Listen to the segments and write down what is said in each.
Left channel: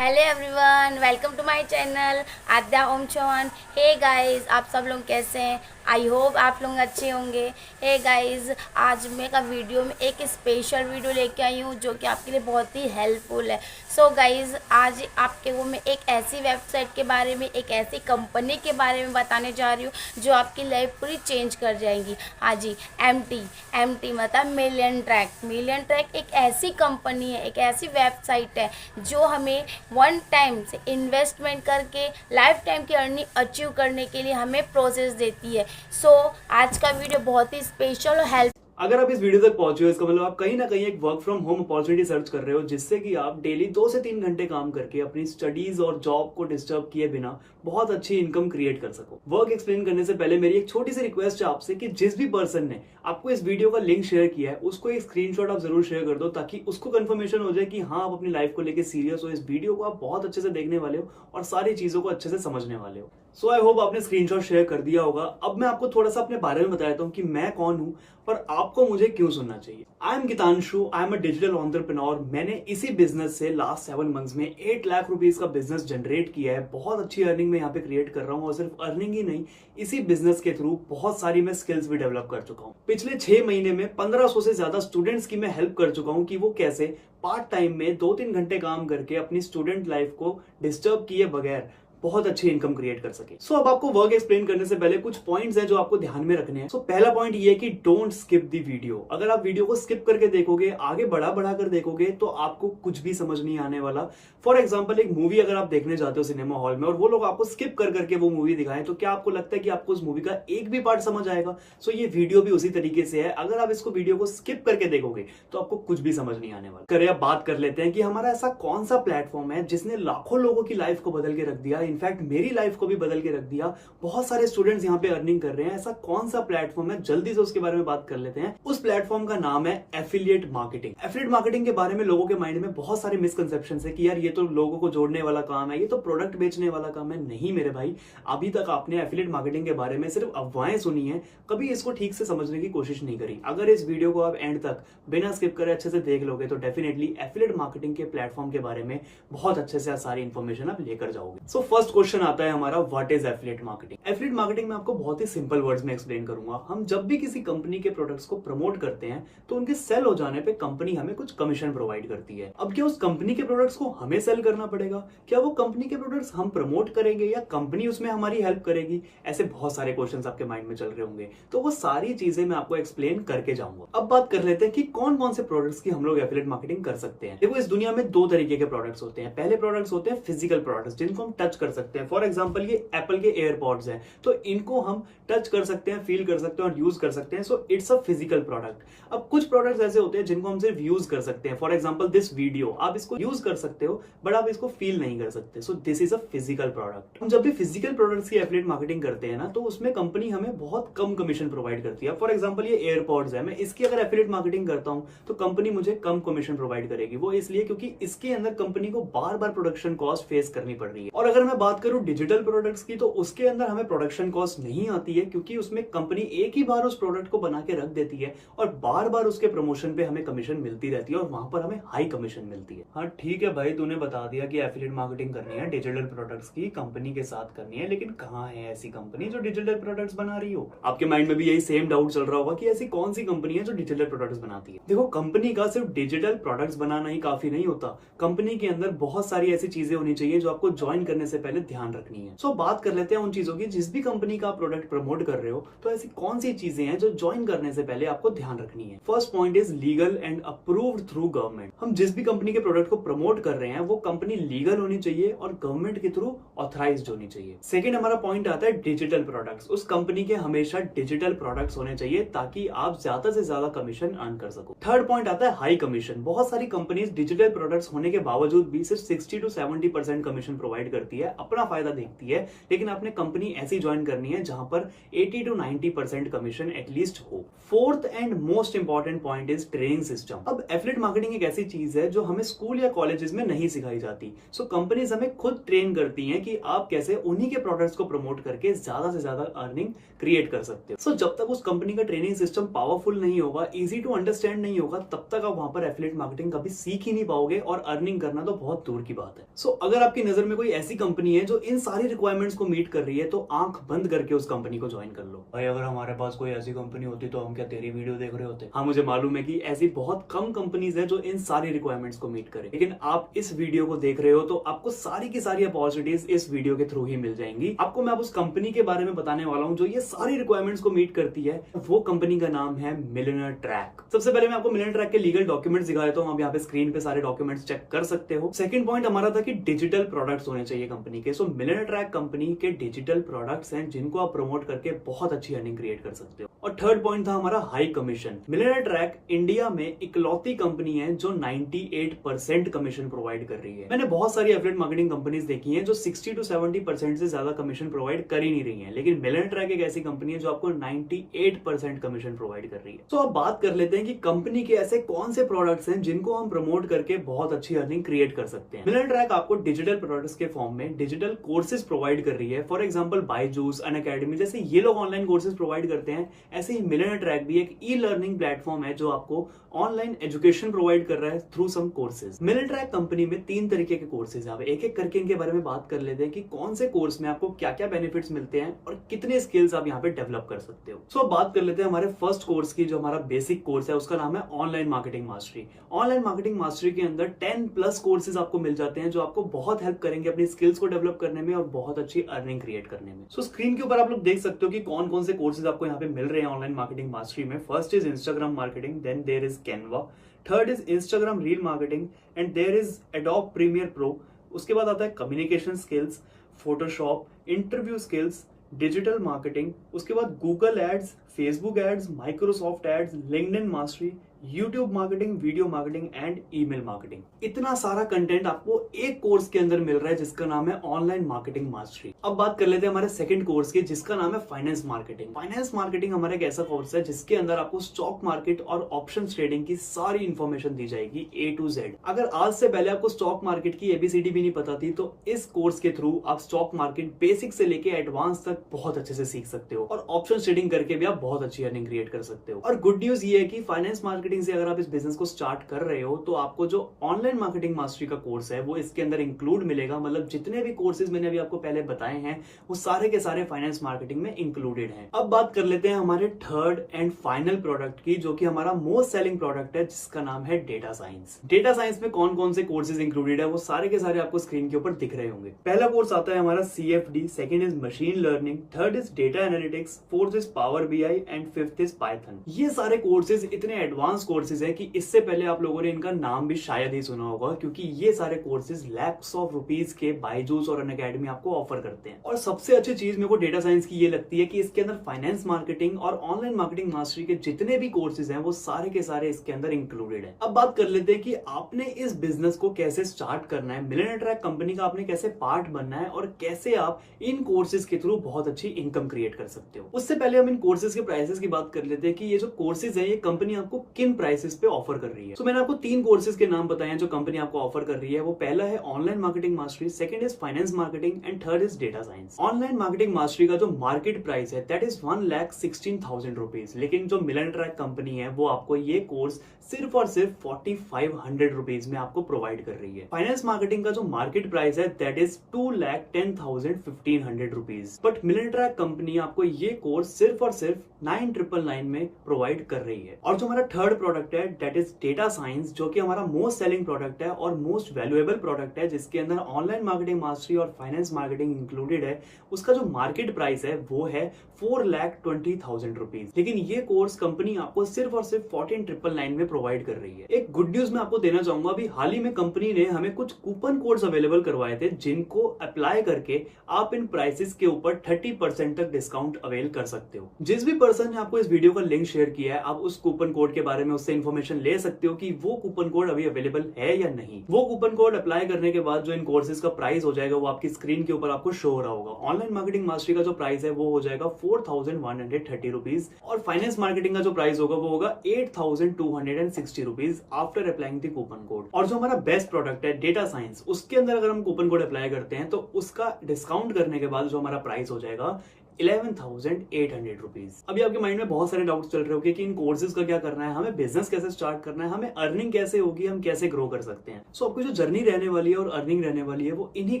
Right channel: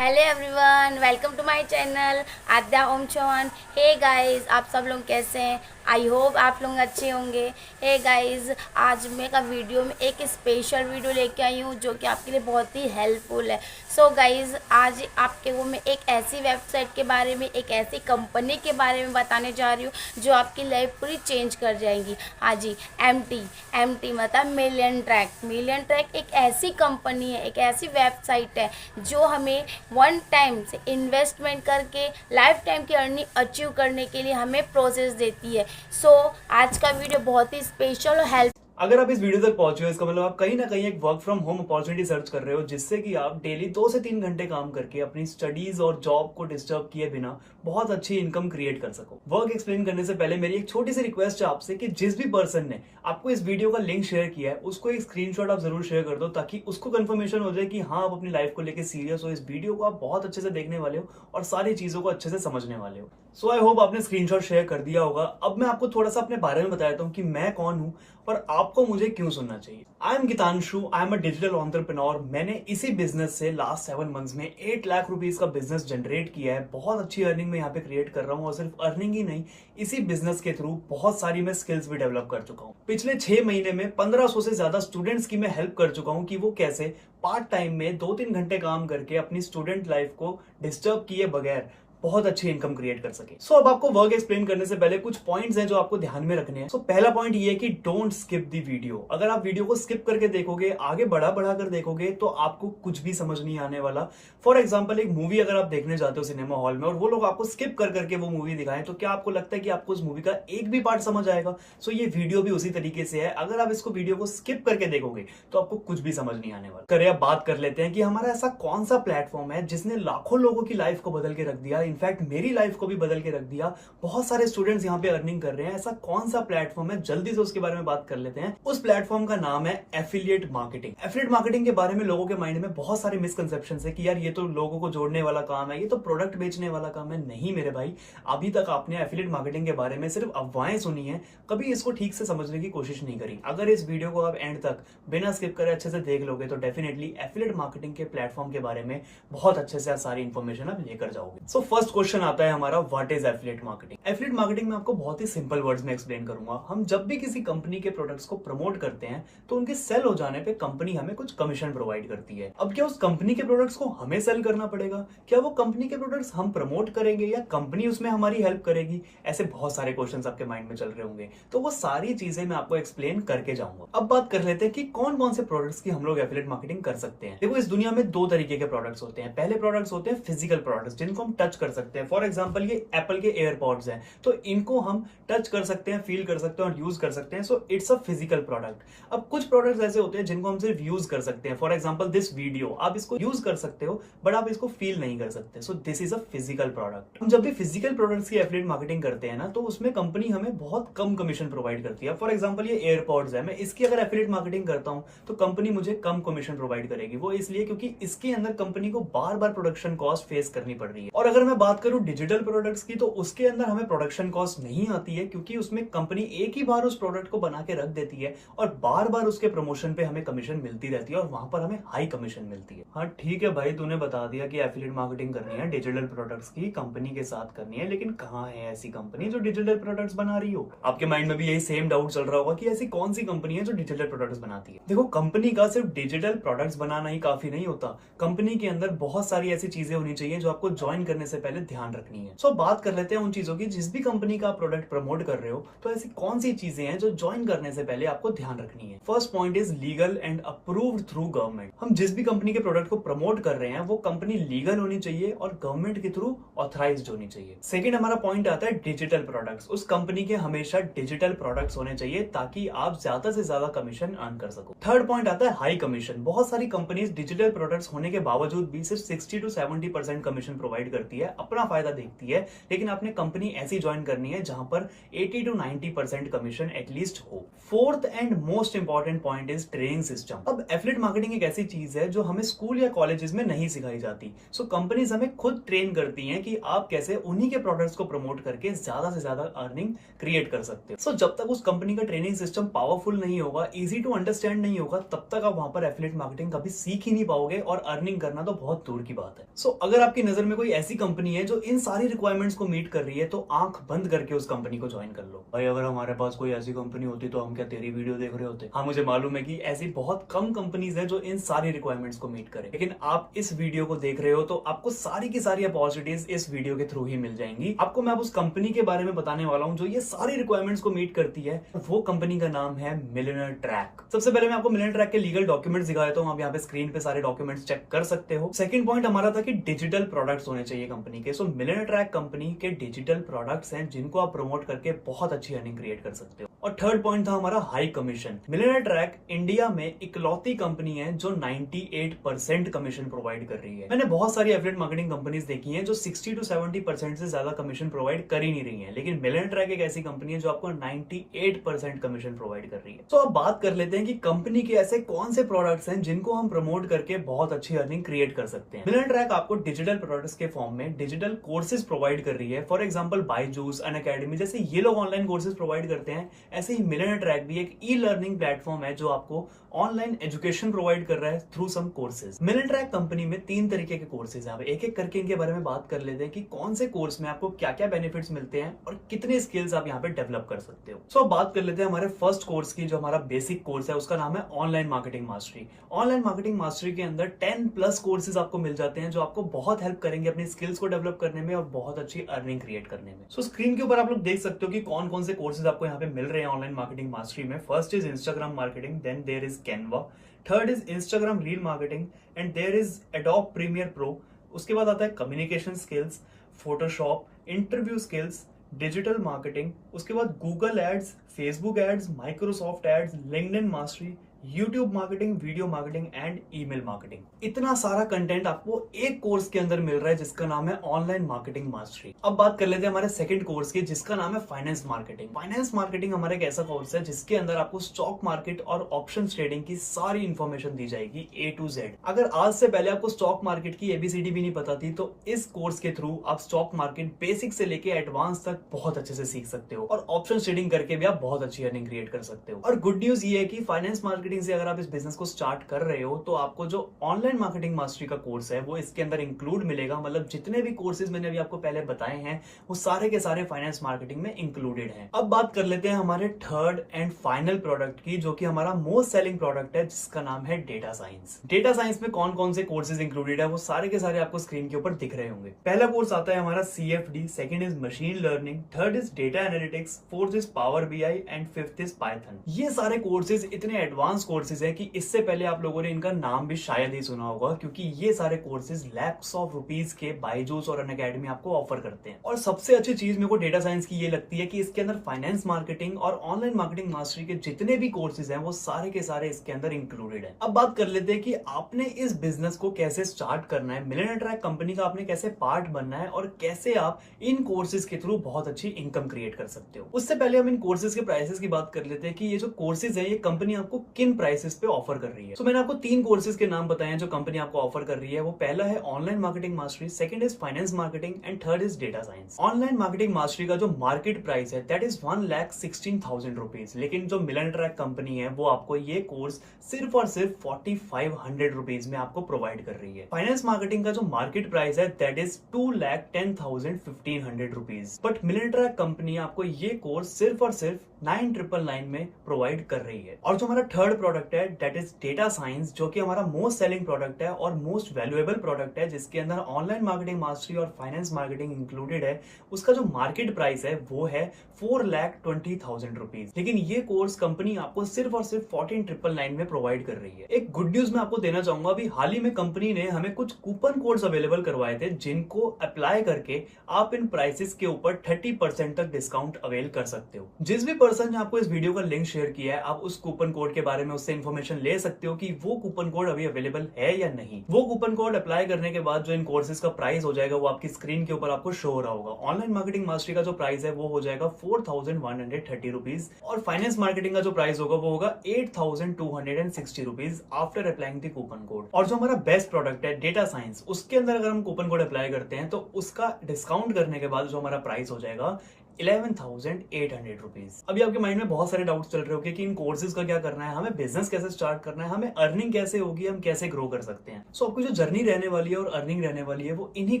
Hello everyone, welcome to my channel Aadya Om Chauhan. Hey guys, आप सब लोग कैसे हैं? आई होप आप लोग अच्छे होंगे। हे गाइस, आज मैं का वीडियो में एक स्पेशल वीडियो लेके आई हूँ जो कि आपके लिए बहुत ही हेल्पफुल है। सो गाइस, आज आपके को मैं एक ऐसी वेबसाइट के बारे में, एक ऐसी कंपनी के बारे में बताने जा रही हूँ जो आपकी लाइफ पूरी चेंज कर जाएगी। हाँ जी, एम टी मतलब मिलियन ट्रैक एक ऐसी कंपनी है, एक ऐसी वेबसाइट है जो हमें वन टाइम से इन्वेस्टमेंट करके लाइफ टाइम की अर्निंग अचीव करने के लिए हमें प्रोसेस देती है। सो आज का वीडियो बहुत ही स्पेशल और हेल्प। अगर आप इस वीडियो तक पहुंचे हो इसका मतलब आप कहीं ना कहीं एक work from home opportunity search कर रहे हो जिससे कि आप डेली 2 से 3 घंटे काम करके अपनी स्टडीज और जॉब को डिस्टर्ब किए बिना बहुत अच्छी इनकम क्रिएट कर सको। वर्क एक्सप्लेन करने से पहले मेरी एक छोटी सी रिक्वेस्ट है आपसे कि जिस भी पर्सन ने आपको इस वीडियो का लिंक शेयर किया है उसको एक स्क्रीनशॉट आप जरूर शेयर कर दो ताकि उसको कंफर्मेशन हो जाए कि हाँ, आप अपनी लाइफ को लेकर सीरियस हो, इस वीडियो को आप बहुत अच्छे से देखने वाले हो और सारी चीजों को अच्छे से समझने वाले हो। सो आई होप आपने स्क्रीनशॉट शेयर कर दिया होगा। अब मैं आपको थोड़ा सा अपने बारे में बताता हूँ कि मैं कौन हूँ और आपको मुझे क्यों सुनना चाहिए। I am Geetanshu, I am a digital entrepreneur. मैंने इसी बिजनेस से लास्ट 7 मंथ्स में 8 लाख रुपीस का बिजनेस जनरेट किया है। बहुत अच्छी अर्निंग मैं यहाँ पे क्रिएट कर रहा हूँ और सिर्फ अर्निंग ही नहीं, इसी बिजनेस के थ्रू बहुत सारी मैं स्किल्स भी डेवलप कर चुका हूँ। पिछले 6 महीने में 1500 से ज्यादा स्टूडेंट्स की मैं हेल्प कर चुका हूँ कि वो कैसे पार्ट टाइम में 2-3 घंटे काम करके अपनी स्टूडेंट लाइफ को डिस्टर्ब किए बगैर बहुत अच्छी इनकम क्रिएट कर सके। सो अब आपको वर्क एक्सप्लेन करने से पहले कुछ पॉइंट्स हैं जो आपको ध्यान में रखने हैं। सो पहला पॉइंट ये है कि डोंट स्किप द वीडियो। अगर आप वीडियो को स्किप करके देखोगे, आगे बढ़ा कर देखोगे तो आपको कुछ भी समझ नहीं आने वाला। फॉर एग्जाम्पल, एक मूवी अगर आप देखने जाते हो सिनेमा हॉल में और वो लोग आपको स्किप कर करके वो मूवी दिखाएं तो क्या आपको लगता है कि आपको उस मूवी का एक भी पार्ट समझ आएगा? सो ये वीडियो भी उसी तरीके से है। अगर आप इसको वीडियो को स्किप करके देखोगे तो आपको कुछ भी समझ नहीं आने वाला। करें अब बात कर लेते हैं कि हमारा ऐसा कौन सा प्लेटफॉर्म है जिसने लाखों लोगों की लाइफ को बदल के रख दिया। इनफैक्ट मेरी लाइफ को भी बदल के रख दिया। बहुत सारे स्टूडेंट्स यहाँ पे अर्निंग कर रहे हैं। ऐसा कौन सा प्लेटफॉर्म है, जल्दी से उसके बारे में बात कर लेते हैं। उस प्लेटफॉर्म का नाम है एफिलिएट मार्केटिंग। एफिलिएट मार्केटिंग के बारे में लोगों के माइंड में बहुत सारे मिसकंसेप्शंस है कि यार ये तो लोगों को जोड़ने वाला काम है, ये तो प्रोडक्ट बेचने वाला काम है। नहीं मेरे भाई, अभी तक आपने एफिलिएट मार्केटिंग के बारे में सिर्फ अफवाहें सुनी है, कभी इसको ठीक से समझने की कोशिश नहीं करी। अगर इस वीडियो को आप एंड तक बिना स्किप करे अच्छे से देख लोगे तो डेफिनेटली एफिलिएट मार्केटिंग के प्लेटफॉर्म के बारे में बहुत अच्छे से सारी इंफॉर्मेशन आप लेकर जाओगे। सो फर्स्ट क्वेश्चन आता है हमारा, what is affiliate marketing? Affiliate marketing में आपको बहुत ही सिंपल वर्ड्स में एक्सप्लेन करूंगा। हम जब भी किसी कंपनी के प्रोडक्ट्स को प्रमोट करते हैं तो उनके सेल हो जाने पे कंपनी हमें कुछ कमीशन प्रोवाइड करती है। अब क्या उस कंपनी के प्रोडक्ट्स को हमें सेल करना पड़ेगा? क्या वो कंपनी के प्रोडक्ट्स हम प्रमोट करेंगे या कंपनी उसमें हमारी हेल्प करेगी? ऐसे बहुत सारे क्वेश्चंस आपके माइंड में चल रहे होंगे, तो वो सारी चीजें मैं आपको एक्सप्लेन करके जाऊंगा। अब बात कर लेते हैं कि कौन कौन से प्रोडक्ट्स की हम लोग एफिलिएट मार्केटिंग कर सकते हैं। देखो, इस दुनिया में 2 तरीके के प्रोडक्ट्स होते हैं। पहले प्रोडक्ट्स होते हैं फिजिकल प्रोडक्ट्स जिनको हम टच कर सकते हैं। फॉर एग्जाम्पल, ये एप्पल के एयरपॉड्स हैं तो इनको हम टच कर सकते हैं, फील कर सकते हैं और यूज कर सकते हैं। So it's a physical product. अब कुछ प्रोडक्ट्स ऐसे होते हैं जिनको हम सिर्फ यूज कर सकते हैं। फॉर एग्जाम्पल, दिस वीडियो आप इसको यूज कर सकते हो बट आप इसको फील नहीं कर सकते। So this is a physical product. हम जब भी फिजिकल प्रोडक्ट्स की एफिलिएट मार्केटिंग करते हैं ना तो उसमें कंपनी हमें बहुत कम कमीशन प्रोवाइड करती है। फॉर एग्जाम्पल, ये एयरपॉड्स है, मैं इसकी अगर एफिलिएट मार्केटिंग करता हूं तो कंपनी मुझे कम कमीशन प्रोवाइड करेगी। वो इसलिए क्योंकि इसके अंदर कंपनी को बार बार प्रोडक्शन कॉस्ट फेस करनी पड़ रही है। और अगर मैं बात करूं डिजिटल प्रोडक्ट्स की तो उसके अंदर हमें प्रोडक्शन कॉस्ट नहीं आती है क्योंकि उसमें कंपनी एक ही बार उस प्रोडक्ट को बना के रख देती है और बार बार उसके प्रमोशन पे हमें कमीशन मिलती रहती है और वहां पर हमें हाई कमीशन मिलती है। हाँ ठीक है भाई, तूने बता दिया कि एफिलिएट मार्केटिंग करनी है डिजिटल प्रोडक्ट्स की, कंपनी के साथ करनी है, लेकिन कहाँ है ऐसी कंपनी जो डिजिटल प्रोडक्ट्स बना रही हो? आपके माइंड में भी यही सेम डाउट चल रहा होगा कि ऐसी कौन सी कंपनी है जो डिजिटल प्रोडक्ट्स बनाती है। देखो, कंपनी का सिर्फ डिजिटल प्रोडक्ट्स बनाना ही काफी नहीं होता। कंपनी के अंदर बहुत सारी ऐसी चीजें होनी चाहिए जो आपको ज्वाइन करने से पहले ध्यान रखनी है। सो बात कर लेते हैं उन चीजों की। जिस भी कंपनी का प्रोडक्ट प्रमोट कर रहे हो तो ऐसी कौन सी चीजें हैं जो ज्वाइन करने से पहले आपको ध्यान रखनी है। First point is legal and approved through government. हम जिस भी कंपनी के प्रोडक्ट को प्रमोट कर रहे हैं वो कंपनी लीगल होनी चाहिए और गवर्नमेंट के थ्रू ऑथराइज्ड होनी चाहिए। सेकंड हमारा पॉइंट आता है डिजिटल प्रोडक्ट्स। उस कंपनी के हमेशा डिजिटल प्रोडक्ट्स होने चाहिए ताकि आप ज्यादा से ज्यादा कमीशन अर्न कर सको। थर्ड पॉइंट आता है हाई कमीशन। बहुत सारी कंपनीज डिजिटल प्रोडक्ट्स होने के बावजूद भी सिर्फ 60 to 70% कमीशन प्रोवाइड करती है अपना फायदा देखती है, लेकिन आपने कंपनी ऐसी ज्वाइन करनी है जहां पर 80 to 90% कमीशन एटलीस्ट हो। Fourth and most important point is training system. अब एफिलिएट मार्केटिंग एक ऐसी चीज है जो हमें स्कूल या कॉलेजेस में नहीं सिखाई जाती। सो कंपनीज हमें खुद ट्रेन करती हैं कि आप कैसे उन्हीं के प्रोडक्ट्स को प्रमोट करके ज्यादा से ज्यादा अर्निंग क्रिएट कर सकते हो। सो जब तक उस कंपनी का ट्रेनिंग सिस्टम पावरफुल नहीं होगा, इजी टू अंडरस्टैंड नहीं होगा, तब तक आप वहां पर एफिलिएट मार्केटिंग कभी सीख ही नहीं पाओगे और अर्निंग करना तो बहुत दूर की बात है। सो अगर आपकी नजर में कोई ऐसी कंपनी है जो इन सारी रिक्वायरमेंट्स को मीट कर रही है, तो आंख बंद करके उस कंपनी को ज्वाइन कर लो। भाई अगर हमारे पास कोई ऐसी कंपनी होती तो हम क्या तेरी वीडियो देख रहे होते? हाँ, मुझे मालूम है कि ऐसी बहुत कम कंपनीज हैं जो इन सारी रिक्वायरमेंट्स को मीट करे, लेकिन आप इस वीडियो को देख रहे हो तो आपको सारी की सारी अपॉर्चुनिटीज इस वीडियो के थ्रू ही मिल जाएंगी। आपको मैं अब उस कंपनी के बारे में बताने वाला हूं जो ये सारी रिक्वायरमेंट्स को मीट करती है। वो कंपनी का नाम है मिलियनेयर ट्रैक। सबसे पहले मैं आपको मिलियनेयर ट्रैक के लीगल डॉक्यूमेंट्स दिखा देता हूं। आप यहाँ पे स्क्रीन पे सारे डॉक्यूमेंट्स चेक कर सकते हो। सेकंड पॉइंट हमारा था कि डिजिटल प्रोडक्ट्स होने चाहिए कंपनी के। सो मिलियनेयर ट्रैक कंपनी के डिजिटल प्रोडक्ट्स हैं जिनको आप प्रमोट करके बहुत अच्छी अर्निंग क्रिएट कर सकते हो। और थर्ड पॉइंट था हमारा high commission. Millionaire track India में इकलौती कंपनी है जो 98% कमीशन प्रोवाइड कर रही है। मैंने बहुत सारी एफिलिएट मार्केटिंग कंपनीज देखी हैं जो 60 to 70% से ज्यादा कमीशन प्रोवाइड कर ही नहीं रही है, लेकिन मिलियनेयर ट्रैक एक ऐसी कंपनी है जो आपको 98% कमीशन प्रोवाइड कर रही है। तो अब बात कर लेते हैं कि कंपनी के ऐसे कौन से प्रोडक्ट्स हैं जिनको हम प्रमोट करके बहुत अच्छी अर्निंग क्रिएट कर सकते हैं। मिलियनेयर ट्रैक आपको डिजिटल प्रोडक्ट्स के फॉर्म में डिजिटल कोर्सेज प्रोवाइड कर रही है। फॉर एग्जांपल बायजूस, अनअकैडमी जैसे ये लोग ऑनलाइन कोर्सेज प्रोवाइड करते हैं, ऐसे ही मिलियनेयर ट्रैक भी एक ई लर्निंग प्लेटफॉर्म है जो आपको ऑनलाइन एजुकेशन प्रोवाइड कर रहा है through some courses. Millionaire track company में 3 तरीके के कोर्सेज हैं। एक एक करके इनके बारे में बात कर लेते हैं कि कौन से कोर्स में आपको क्या क्या बेनिफिट्स मिलते हैं और कितने स्किल्स आप यहाँ पे डेवलप कर सकते हो। सो बात कर लेते हैं हमारे फर्स्ट कोर्स की, जो हमारा बेसिक कोर्स है उसका नाम है online marketing mastery. Online marketing mastery के अंदर 10+ कोर्सेज आपको मिल जाते हैं जो आपको बहुत हेल्प करेंगे अपनी स्किल्स को डेवलप करने में और बहुत अच्छी अर्निंग क्रिएट करने में। सो स्क्रीन के ऊपर आप लोग देख सकते हो कि कौन कौन से कोर्सेज आपको यहाँ पे मिल रहे हैं ऑनलाइन मार्केटिंग मास्टरी में। First is Instagram marketing, then there is Canva, third is Instagram reel marketing and there is Adobe Premiere Pro. उसके बाद आता है communication skills, Photoshop, interview skills, digital marketing, उसके बाद Google ads, Facebook ads, Microsoft ads, LinkedIn mastery, YouTube marketing, video marketing and email marketing. इतना सारा content आपको एक कोर्स के अंदर मिल रहा है जिसका नाम है ऑनलाइन मार्केटिंग मास्टरी। अब बात कर लेते हैं हमारे सेकंड कोर्स की जिसका नाम है फाइनेंस मार्केटिंग। फाइनेंस मार्केटिंग हमारा एक ऐसा कोर्स है जिसके अंदर आपको स्टॉक मार्केट और ऑप्शन ट्रेडिंग की सारी इंफॉर्मेशन दी जाएगी A to Z। अगर आज से पहले आपको स्टॉक मार्केट की ABCD भी नहीं पता थी तो इस कोर्स के थ्रू आप स्टॉक मार्केट बेसिक से लेके एडवांस तक बहुत अच्छे से सीख सकते हो और ऑप्शन ट्रेडिंग करके भी आप बहुत अच्छी अर्निंग क्रिएट कर सकते हो। और गुड न्यूज ये है कि फाइनेंस मार्केटिंग से अगर आप इस बिजनेस को स्टार्ट कर रहे हो तो आपको जो ऑनलाइन मार्केटिंग मास्टरी का कोर्स है वो इसके अंदर इंक्लूड मिलेगा। मतलब जितने भी कोर्सेज मैंने अभी आपको पहले बताए हैं वो सारे के सारे फाइनेंस मार्केटिंग में इंक्लूडेड हैं। अब बात कर लेते हैं हमारे थर्ड एंड फाइनल प्रोडक्ट की, जो कि हमारा मोस्ट सेलिंग प्रोडक्ट है जिसका नाम है डेटा साइंस। डेटा साइंस में कौन कौन से कोर्सेज इंक्लूडेड है वो सारे के सारे आपको स्क्रीन के ऊपर दिख रहे होंगे। पहला कोर्स आता है हमारा CFD, second is machine learning, third is data analytics, fourth is power BI and fifth is Python. ये सारे कोर्सेज इतने एडवांस कोर्सेज है कि इससे पहले आप लोगों ने इनका नाम भी शायद ही सुना होगा, क्योंकि ये सारे कोर्सेज lakhs of rupees के बायजूस और अनअकैडमी आपको ऑफर करते हैं। और सबसे अच्छी चीज मेरे को डेटा साइंस की ये लगती है कि इसके अंदर फाइनेंस मार्केटिंग और ऑनलाइन मार्केटिंग मास्टरी के जितने भी कोर्सेज हैं वो सारे के सारे इसके अंदर इंक्लूडेड है। अब बात कर लेते हैं कि आपने इस बिजनेस को कैसे स्टार्ट करना है, मिलियनेयर ट्रैक कंपनी का आपने कैसे पार्ट बनना है और कैसे आप इन कोर्सेज के थ्रू बहुत अच्छी इनकम क्रिएट कर सकते हो। उससे पहले हम इन कोर्सेज के प्राइसेस की बात कर लेते हैं कि ये जो कोर्सेज है ये कंपनी आपको किन प्राइसेस पे ऑफर कर रही है। तो मैंने आपको 3 कोर्सेज के नाम बताए हैं जो कंपनी आपको ऑफर कर रही है। वो पहला है online marketing mastery, second is finance marketing and third is data science. Online marketing mastery का जो मार्केट प्राइस है दैट इज 1,16,000 रुपीज, लेकिन जो मिलियनेयर ट्रैक कंपनी है वो आपको ये कोर्स सिर्फ और सिर्फ 4,500 रुपीज में आपको प्रोवाइड कर रही है। फाइनेंस मार्केटिंग का जो मार्केट प्राइस है that is 2,10,1500 rupees, but millionaire track company आपको ये कोर्स सिर्फ और सिर्फ 9,999 में प्रोवाइड कर रही है। और जो हमारा थर्ड प्रोडक्ट है दैट इज डेटा साइंस, जो कि हमारा मोस्ट सेलिंग प्रोडक्ट है और मोस्ट वैल्यूएबल प्रोडक्ट है, जिसके अंदर ऑनलाइन मार्केटिंग मास्टरी और फाइनेंस मार्केटिंग इंक्लूडेड है। उसका जो मार्केट प्राइस है वो है 4,20,000 रुपीज, लेकिन ये कोर्स कंपनी आपको सिर्फ और सिर्फ 14,999 में प्रोवाइड कर रही है। एक गुड न्यूज मैं आपको देना चाहूंगा, अभी हाल ही में कंपनी ने हमें कुछ कूपन कोड्स अवेलेबल करवाए थे जिनको अप्लाई करके आप इन प्राइसेस के ऊपर 30% तक डिस्काउंट अवेल कर सकते हो। जिस भी पर्सन ने आपको इस वीडियो का लिंक शेयर किया है आप उस कूपन कोड के बारे में उससे इन्फॉर्मेशन ले सकते हो कि वो कूपन कोड अभी अवेलेबल है या नहीं। वो कूपन कोड अप्लाई करने के बाद जो इन कोर्सेज का प्राइस हो जाएगा वो आपकी स्क्रीन के ऊपर आपको शो हो रहा होगा। ऑनलाइन मार्केटिंग मास्टरी का जो प्राइस है वो हो जाएगा 4130 रुपीज और फाइनेंस मार्केटिंग का जो प्राइस होगा वो होगा 8260 rupees after applying the coupon code. और जो हमारा बेस्ट प्रोडक्ट है डेटा साइंस, उसके अंदर अगर हम कूपन कोड अप्लाई करते हैं तो उसका डिस्काउंट करने के बाद जो हमारा प्राइस हो जाएगा 11,800 रुपीज। अभी आपके माइंड में बहुत सारे डाउट्स चल रहे होंगे कि इन कोर्सेज का क्या करना है, हमें बिजनेस कैसे स्टार्ट करना है, हमें अर्निंग कैसे होगी, हम कैसे ग्रो कर सकते हैं। सो आपकी जो जर्नी रहने वाली है और अर्निंग रहने वाली है वो इन्हीं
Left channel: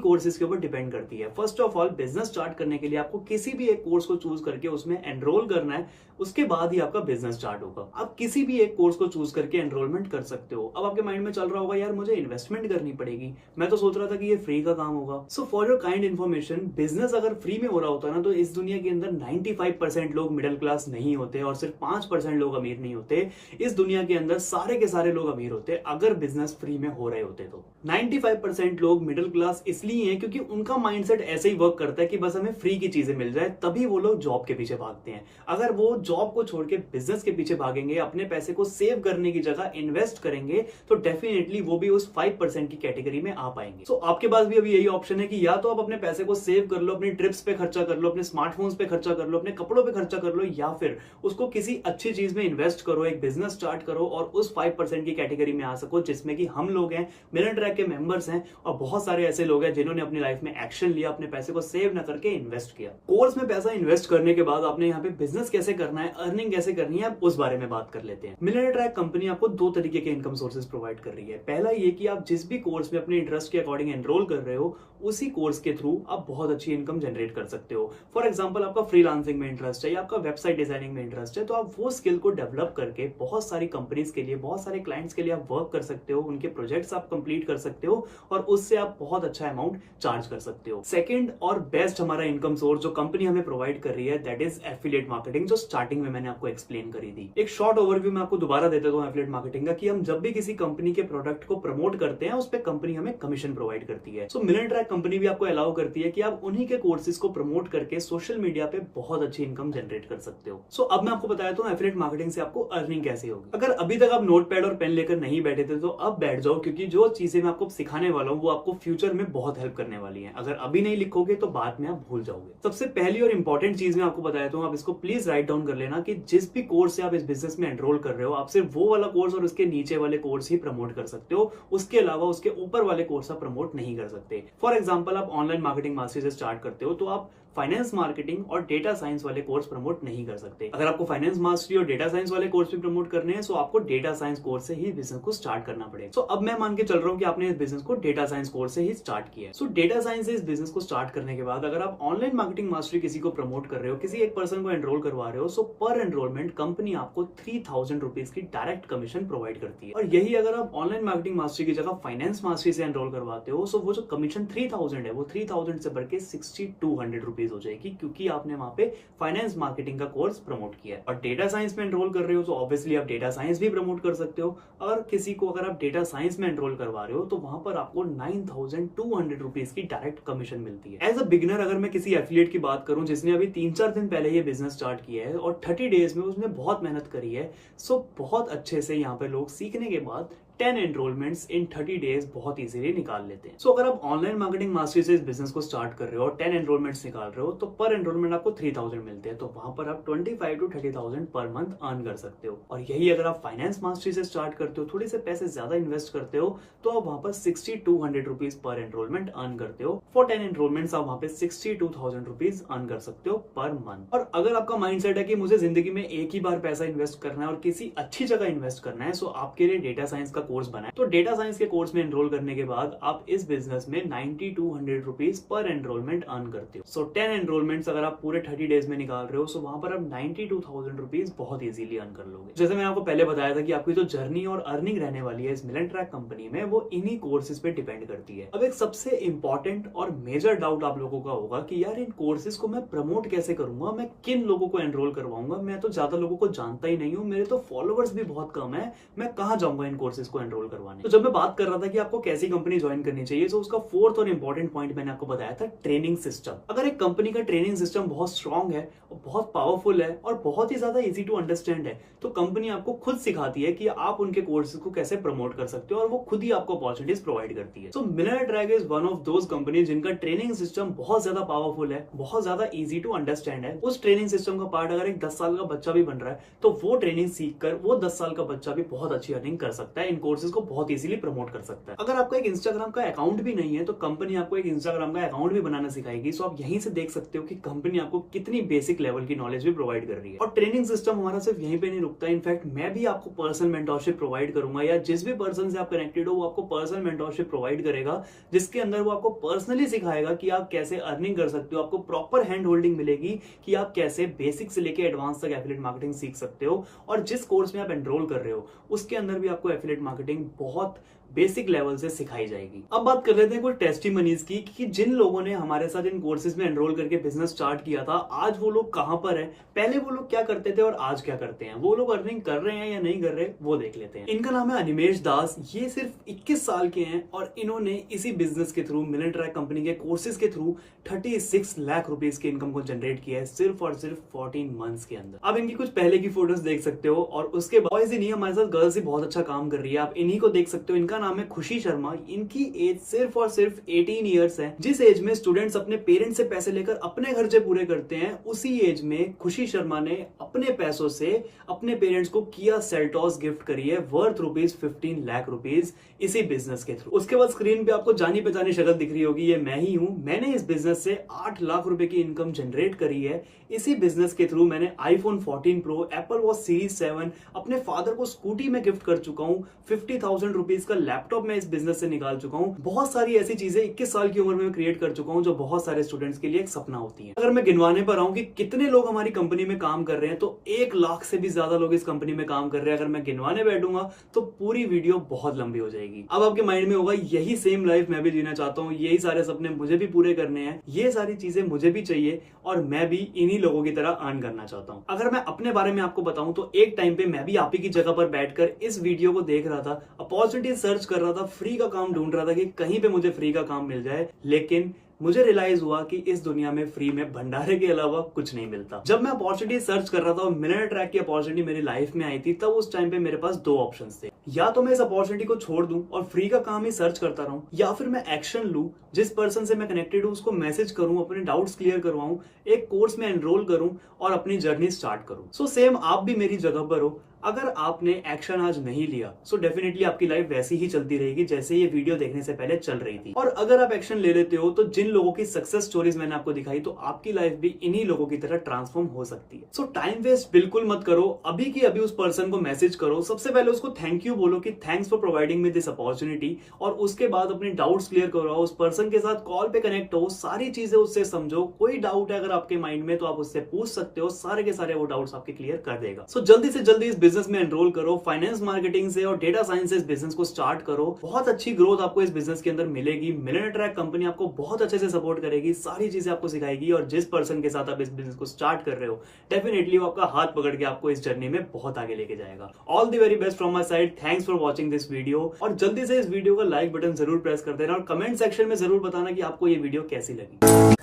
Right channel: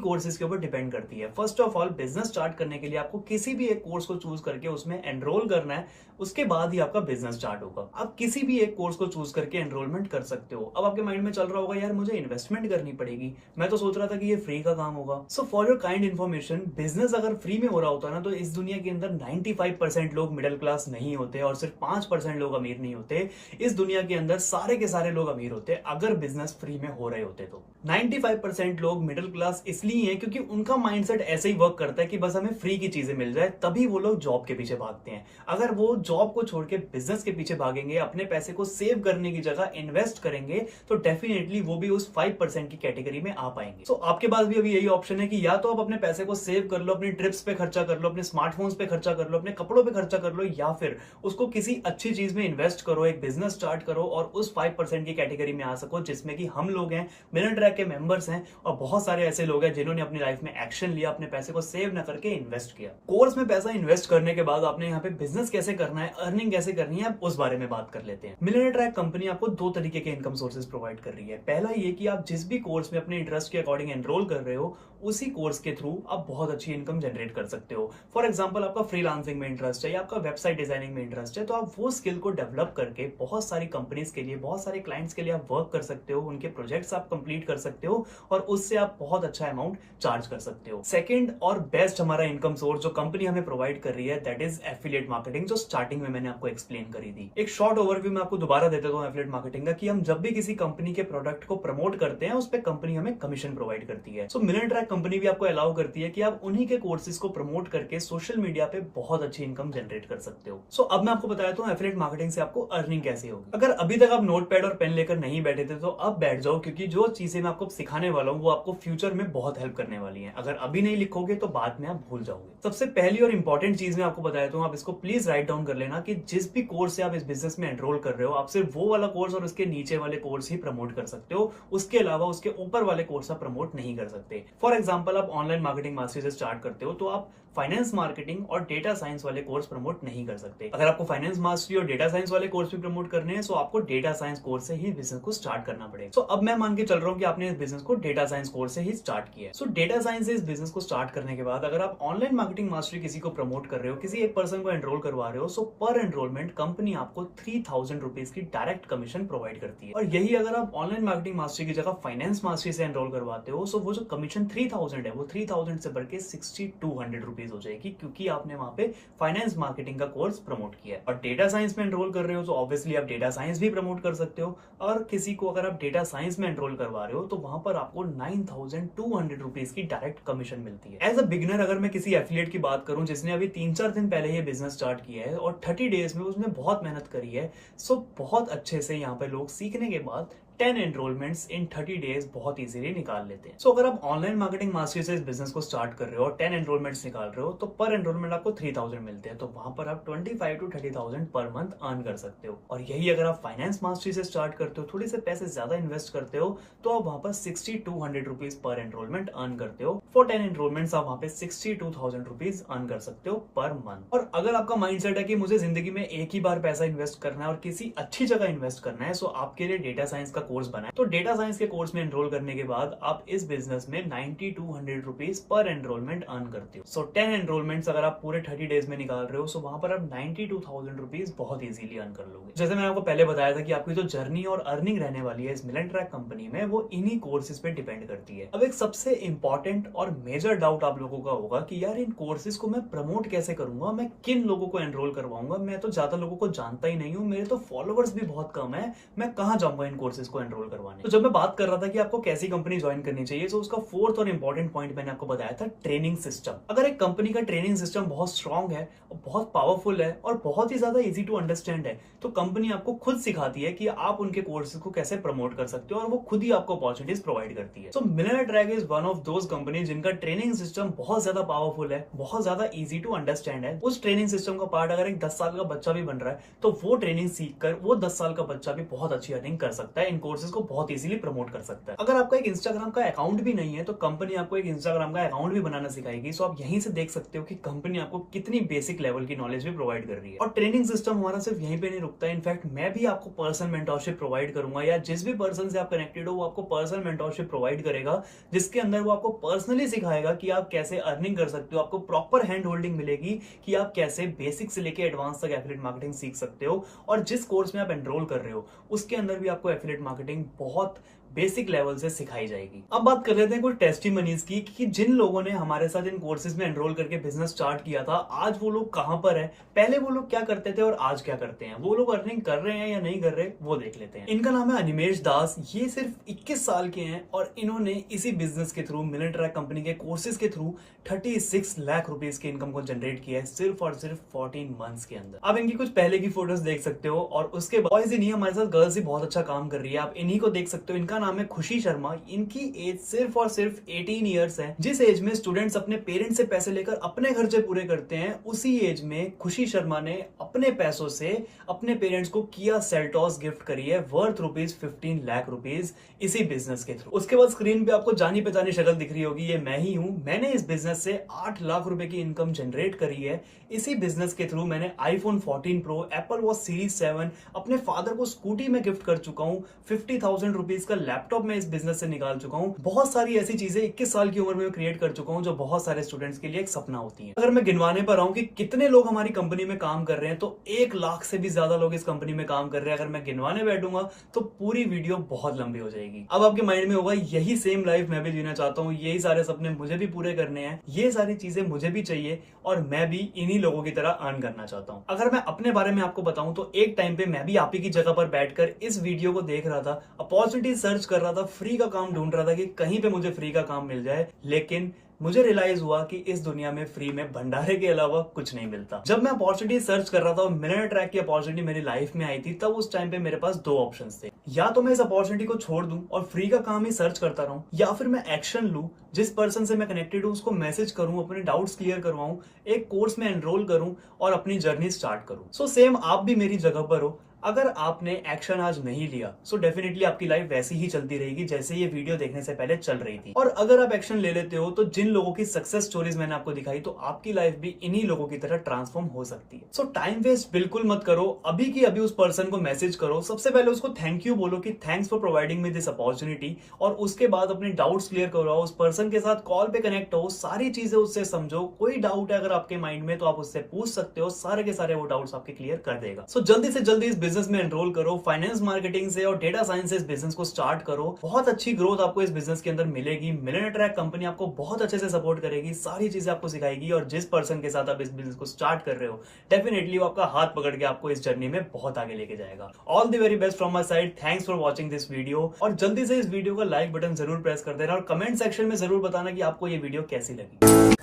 कोर्सेज के ऊपर डिपेंड करती है। First of all, business start करने के लिए आपको किसी भी एक कोर्स को चूज करके उसमें एनरोल करना है, उसके बाद ही आपका बिजनेस स्टार्ट होगा। आप किसी भी एक कोर्स को चूज करके एनरोलमेंट कर सकते हो। अब आपके माइंड में चल रहा होगा यार मुझे इन्वेस्टमेंट करनी पड़ेगी, मैं तो सोच रहा था कि ये फ्री का काम होगा। So for your kind information, business अगर फ्री में हो रहा होता ना तो इस दुनिया के अंदर 95% लोग मिडिल क्लास नहीं होते और सिर्फ 5% लोग अमीर नहीं होते। इस दुनिया के अंदर सारे के सारे लोग अमीर होते अगर बिजनेस फ्री में हो रहे होते। तो 95% लोग मिडिल क्लास इसलिए हैं क्योंकि उनका माइंडसेट ऐसे ही वर्क करता है कि बस हमें फ्री की चीजें मिल जाए, तभी वो लोग जॉब के पीछे भागते हैं। अगर वो जॉब को छोड़ के बिजनेस के पीछे भागेंगे, अपने पैसे को सेव करने की जगह इन्वेस्ट करेंगे, तो डेफिनेटली वो भी उस 5% की कैटेगरी में आ पाएंगे। सो आपके पास भी अभी यही ऑप्शन है कि या तो आप अपने पैसे को सेव कर लो, अपनी ट्रिप्स पे खर्चा कर लो, अपने स्मार्टफोन्स पे खर्चा कर लो, अपने कपड़ों पे खर्चा कर लो, या फिर उसको किसी अच्छी चीज में इन्वेस्ट करो, एक बिजनेस स्टार्ट करो और उस 5% की कैटेगरी में आ सको, जिसमें कि हम लोग हैं, मिलियन ट्रैक के मेंबर्स हैं और बहुत सारे ऐसे लोग हैं जिन्होंने अपनी लाइफ में एक्शन लिया, अपने पैसे को सेव न करके इन्वेस्ट किया। कोर्स में पैसा इन्वेस्ट करने के बाद आपने यहाँ पे बिजनेस कैसे करना है, अर्निंग कैसे करनी है, उस बारे में बात कर लेते हैं। मिलियन ट्रैक कंपनी आपको 2 तरीके के इनकम सोर्सेज प्रोवाइड कर रही है। पहला ये कि आप जिस भी कोर्स में अपने इंटरेस्ट के अकॉर्डिंग एनरोल कर रहे हो, उसी कोर्स के थ्रू आप बहुत अच्छी इनकम जनरेट कर सकते हो। फॉर एग्जांपल, आपका फ्रीलांसिंग में इंटरेस्ट है या आपका वेबसाइट डिजाइनिंग में इंटरेस्ट है, तो आप वो स्किल को डेवलप करके बहुत सारी कंपनीज के लिए, बहुत सारे क्लाइंट्स के लिए आप वर्क कर सकते हो, उनके प्रोजेक्ट्स आप कंप्लीट कर सकते हो और उससे आप बहुत अच्छा अमाउंट चार्ज कर सकते हो। सेकंड और बेस्ट हमारा इनकम सोर्स जो कंपनी हमें प्रोवाइड कर रही है, दैट इज एफिलिएट मार्केटिंग, जो स्टार्टिंग में मैंने आपको एक्सप्लेन करी थी। एक शॉर्ट ओवरव्यू मैं आपको दोबारा दे देता हूं एफिलिएट मार्केटिंग का, कि हम जब भी किसी कंपनी के प्रोडक्ट को प्रमोट करते हैं, उस पर कंपनी हमें कमीशन प्रोवाइड करती है। सो मिलियन ट्रैक कंपनी भी आपको अलाउ करती है कि आप उन्हीं के कोर्सेज को प्रमोट करके सोशल मीडिया पे बहुत अच्छी इनकम जनरेट कर सकते हो। सो अब मैं आपको बताता हूं एफिलिएट मार्केटिंग से आपको अर्निंग कैसे होगी। अगर अभी तक आप नोटपैड और पेन लेकर नहीं बैठे थे तो अब बैठ जाओ, क्योंकि जो चीजें मैं आपको सिखाने वाला हूं वो आपको फ्यूचर में बहुत हेल्प करने वाली है। अगर अभी नहीं लिखोगे तो बाद में आप भूल जाओगे। सबसे पहली और इंपॉर्टेंट चीज मैं आपको बताया हूं, आप इसको प्लीज राइट डाउन कर लेना कि जिस भी कोर्स से आप इस बिजनेस में एनरोल कर रहे हो, आप सिर्फ वो वाला कोर्स और उसके नीचे वाले कोर्स ही प्रमोट कर सकते हो। उसके अलावा उसके ऊपर वाले कोर्स आप प्रमोट नहीं कर सकते। फॉर एग्जाम्पल, आप ऑनलाइन मार्केटिंग मास्टरी से स्टार्ट करते हो तो आप फाइनेंस मार्केटिंग और डेटा साइंस वाले कोर्स प्रमोट नहीं कर सकते। अगर आपको फाइनेंस मास्टरी और डेटा साइंस वाले कोर्स भी प्रमोट करने हैं तो आपको डेटा साइंस कोर्स से ही बिजनेस को स्टार्ट करना पड़ेगा। सो अब मैं मान के चल रहा हूं कि आपने इस बिजनेस को डेटा साइंस कोर्स से ही स्टार्ट किया है। सो डेटा साइंस से इस बिजनेस को स्टार्ट करने के बाद अगर आप ऑनलाइन मार्केटिंग मास्टरी किसी को प्रमोट कर रहे हो, किसी एक पर्सन को एनरोल करवा रहे हो, सो पर एनरोलमेंट कंपनी आपको 3000 रुपीज की डायरेक्ट कमीशन प्रोवाइड करती है। और यही अगर आप ऑनलाइन मार्केटिंग मास्टरी की जगह फाइनेंस मास्टरी से एनरोल करवाते हो, सो वो जो कमीशन 3000 है वो 3000 से बढ़ के 6200 रुपीज हो जाएगी, क्योंकि आपने वहां पे फाइनेंस मार्केटिंग का कोर्स प्रमोट किया है। और डेटा साइंस में एनरोल कर रहे हो तो ऑब्वियसली आप डेटा साइंस भी प्रमोट कर सकते हो। और किसी को अगर आप डेटा साइंस में एनरोल करवा रहे हो तो वहां पर आपको 9200 रुपीज की डायरेक्ट कमीशन मिलती है। एज अ बिगिनर अगर मैं किसी एफिलिएट की बात करूं जिसने अभी 3-4 दिन पहले ये बिजनेस स्टार्ट किया है और 30 डेज में उसने बहुत मेहनत करी है, सो बहुत अच्छे से यहाँ पे लोग सीखने के बाद 10 एनरोलमेंट्स इन 30 डेज बहुत इजीली निकाल लेते हैं। सो अगर आप ऑनलाइन मार्केटिंग मास्टरी से इस बिजनेस को स्टार्ट कर रहे हो और 10 एनरोलमेंट्स निकाल रहे हो तो पर एनरोलमेंट आपको 3000 मिलते हैं। तो वहां पर आप 25 to 30,000 पर मंथ अर्न कर सकते हो। और यही अगर आप फाइनेंस मास्टरी से स्टार्ट करते हो, थोड़े से पैसे ज्यादा इन्वेस्ट करते हो, तो आप वहां पर 6200 रुपीज पर एनरोलमेंट अर्न करते हो। फॉर 10 एनरोलमेंट्स आप वहां पे 62,000 रुपीज अर्न कर सकते हो पर मंथ। और अगर आपका माइंडसेट है कि मुझे जिंदगी में एक ही बार पैसा इन्वेस्ट करना है और किसी अच्छी जगह इन्वेस्ट करना है, सो आपके लिए डेटा साइंस का कोर्स बना है। तो डेटा साइंस के कोर्स में एनरोल करने के बाद आप इस बिजनेस में 9200 रुपीज पर एनरोलमेंट अर्न करते हो। सो 10 एनरोलमेंट्स अगर आप पूरे 30 डेज में निकाल रहे हो, सो वहां पर आप 92,000 रुपीज बहुत इजीली अर्न कर लोगे। जैसे मैंने आपको पहले बताया था कि आपकी जो जर्नी और अर्निंग रहने वाली है इस मिलियन ट्रैक कंपनी में, वो इन्हीं कोर्सेज पे डिपेंड करती है। अब एक सबसे इंपॉर्टेंट और मेजर डाउट आप लोगों का होगा कि यार इन कोर्सेज को मैं प्रमोट कैसे करूंगा, मैं किन लोगों को एनरोल करवाऊंगा, मैं तो ज्यादा लोगों को जानता ही नहीं हूँ, मेरे तो फॉलोअर्स भी बहुत कम है, मैं कहाँ जाऊंगा इन कोर्सेज को एनरोल करवाने। तो जब मैं बात कर रहा था कि आपको कैसी कंपनी ज्वाइन करनी चाहिए, तो उसका फोर्थ और इंपॉर्टेंट पॉइंट मैंने आपको बताया था ट्रेनिंग सिस्टम। अगर एक कंपनी का ट्रेनिंग सिस्टम बहुत स्ट्रांग है, बहुत पावरफुल है और बहुत ही ज्यादा इजी टू अंडरस्टैंड है, तो कंपनी आपको खुद सिखाती है कि आप उनके कोर्सेज को कैसे प्रमोट कर सकते हो और वो खुद ही आपको अपॉर्चुनिटीज प्रोवाइड करती है। So millionaire track is one of those company जिनका ट्रेनिंग सिस्टम बहुत ज्यादा पावरफुल है, बहुत ज्यादा इजी टू अंडरस्टैंड है। उस ट्रेनिंग सिस्टम का पार्ट अगर एक 10 साल का बच्चा भी बन रहा है तो वो ट्रेनिंग सीखकर वो 10 साल का बच्चा भी बहुत अच्छी अर्निंग कर सकता है, इन कोर्सेज को बहुत इजीली प्रमोट कर सकता है। अगर आपका एक इंस्टाग्राम का अकाउंट भी नहीं है तो कंपनी आपको एक इंस्टाग्राम का अकाउंट भी बनाना सिखाएगी। सो आप यहीं से देख सकते हो कि कंपनी आपको कितनी बेसिक लेवल की नॉलेज भी प्रोवाइड कर रही है। और ट्रेनिंग सिस्टम हमारा सिर्फ यहीं पे नहीं रुकता है, इनफैक्ट मैं भी आपको पर्सनल मेंटरशिप प्रोवाइड करूंगा, या जिस भी पर्सन से आप कनेक्टेड हो वो आपको पर्सनल मेंटरशिप प्रोवाइड करेगा, जिसके अंदर वो आपको पर्सनली सिखाएगा कि आप कैसे अर्निंग कर सकते हो। आपको प्रॉपर हैंड होल्डिंग मिलेगी कि आप कैसे बेसिक से लेके एडवांस तक एफिलिएट मार्केटिंग सीख सकते हो। और जिस कोर्स में आप एनरोल कर रहे हो उसके अंदर भी आपको एफिलिएट मार्केटिंग बहुत बेसिक लेवल से सिखाई जाएगी। अब बात कर लेते हैं कुछ टेस्टिमनीज की कि जिन लोगों ने हमारे साथ इन कोर्सेज में एनरोल करके बिजनेस स्टार्ट किया था, आज वो लोग कहां पर है, पहले वो लोग क्या करते थे और आज क्या करते हैं, वो लोग अर्निंग कर रहे हैं या नहीं कर रहे, वो देख लेते हैं। इनका नाम है अनिमेश दास। ये सिर्फ 21 साल के हैं और इन्होंने इसी बिजनेस के थ्रू, मिलियनेयर ट्रैक कंपनी के कोर्सेज के थ्रू 36 लाख रुपीज की इनकम को जनरेट किया है सिर्फ और सिर्फ 14 मंथ्स के अंदर। अब इनकी कुछ पहले की फोटोज देख सकते हो और उसके बॉयज ही नहीं, हमारे साथ गर्ल्स ही बहुत अच्छा काम कर रही है। आप इन्हीं को देख सकते हो। इनका नाम है खुशी शर्मा। इनकी एज सिर्फ और सिर्फ 18 ईयर्स है। जिस एज में स्टूडेंट्स अपने पेरेंट्स से पैसे लेकर अपने खर्चे पूरे करते हैं, उसी एज में खुशी शर्मा ने अपने पैसों से अपने पेरेंट्स को किया सेल्टॉस गिफ्ट करी है वर्थ रुपीज 15 लाख रुपीज इसी बिजनेस के थ्रू। उसके बाद स्क्रीन पे आपको जानी पहचानी शक्ल दिख रही होगी, ये मैं ही हूं। मैंने इस बिजनेस से 8 लाख रुपए की इनकम जनरेट करी है। इसी बिजनेस के थ्रू मैंने iPhone 14 pro, Apple watch series 7, अपने फादर को स्कूटी में गिफ्ट कर चुका हूं। 50,000 रुपीज का लैपटॉप में इस बिजनेस से निकाल चुका हूं। बहुत सारी ऐसी चीजें 21 साल की उम्र में क्रिएट कर चुका हूं जो बहुत सारे स्टूडेंट्स के लिए एक सपना होती है। अगर मैं गिनवाने पर आऊं कि कितने लोग हमारी कंपनी में काम कर रहे हैं तो 1 लाख से भी ज्यादा लोग इस कंपनी में काम कर रहे हैं। अगर मैं गिनवाने बैठूंगा तो पूरी वीडियो बहुत लंबी हो जाएगी। अब आपके माइंड में होगा यही सेम लाइफ मैं भी जीना चाहता हूँ, यही सारे सपने मुझे भी पूरे करने हैं, ये सारी चीजें मुझे भी चाहिए और मैं भी इन्हीं लोगों की तरह अर्न करना चाहता हूँ। अगर मैं अपने बारे में आपको बताऊं तो एक टाइम पे मैं भी आप ही की जगह पर बैठकर इस वीडियो को देख रहा था, अपॉर्चुनिटी सर्च कर रहा था, फ्री का काम ढूंढ रहा था कि कहीं पे मुझे फ्री का काम मिल जाए। लेकिन मुझे रियलाइज हुआ कि इस दुनिया में फ्री में भंडारे के अलावा कुछ नहीं मिलता। जब मैं अपॉर्चुनिटी सर्च कर रहा था और मिलियनेयर ट्रैक की अपॉर्चुनिटी मेरी लाइफ में आई थी, तब उस टाइम पे मेरे पास 2 ऑप्शंस थे। या तो मैं इस अपॉर्चुनिटी को छोड़ दूं और फ्री का काम ही सर्च करता रहूं, या फिर मैं एक्शन लूं, जिस पर्सन से मैं कनेक्टेड हूं उसको मैसेज करूं, अपने डाउट्स क्लियर करवाऊं, एक कोर्स में एनरोल करूं और अपनी जर्नी स्टार्ट करूं। सो सेम आप भी मेरी जगह पर हो। अगर आपने एक्शन आज नहीं लिया सो डेफिनेटली आपकी लाइफ वैसी ही चलती रहेगी जैसे ये वीडियो देखने से पहले चल रही थी। और अगर आप एक्शन ले लेते हो तो जिन लोगों की सक्सेस स्टोरीज मैंने आपको दिखाई, तो आपकी लाइफ भी इन्हीं लोगों की तरह ट्रांसफॉर्म हो सकती है। सो टाइम वेस्ट बिल्कुल मत करो। अभी की अभी उस पर्सन को मैसेज करो, सबसे पहले उसको थैंक यू बोलो कि thanks for providing me this opportunity, और उसके बाद अपने डाउट्स क्लियर करवाओ, उस पर्सन के साथ कॉल पे कनेक्ट हो, सारी चीजें उससे समझो। कोई डाउट है अगर आपके माइंड में तो आप उससे पूछ सकते हो, सारे के सारे वो डाउट्स आपके क्लियर कर देगा। सो जल्दी से जल्दी इस बिजनेस में एनरोल करो, फाइनेंस मार्केटिंग से और डेटा साइंस से इस बिजनेस को स्टार्ट करो। बहुत अच्छी ग्रोथ आपको इस बिजनेस के अंदर मिलेगी। मिलियनेयर ट्रैक कंपनी आपको बहुत अच्छे से सपोर्ट करेगी, सारी चीजें आपको सिखाएगी, और जिस पर्सन के साथ आप इस बिजनेस को स्टार्ट कर रहे हो डेफिनेटली वो आपका हाथ पकड़ के आपको इस जर्नी में बहुत आगे लेके जाएगा। All the very best from my side. Thanks for watching this video, और जल्दी से इस वीडियो का लाइक बटन जरूर प्रेस कर देना और कमेंट सेक्शन में जरूर बताना कि आपको ये वीडियो कैसी लगी।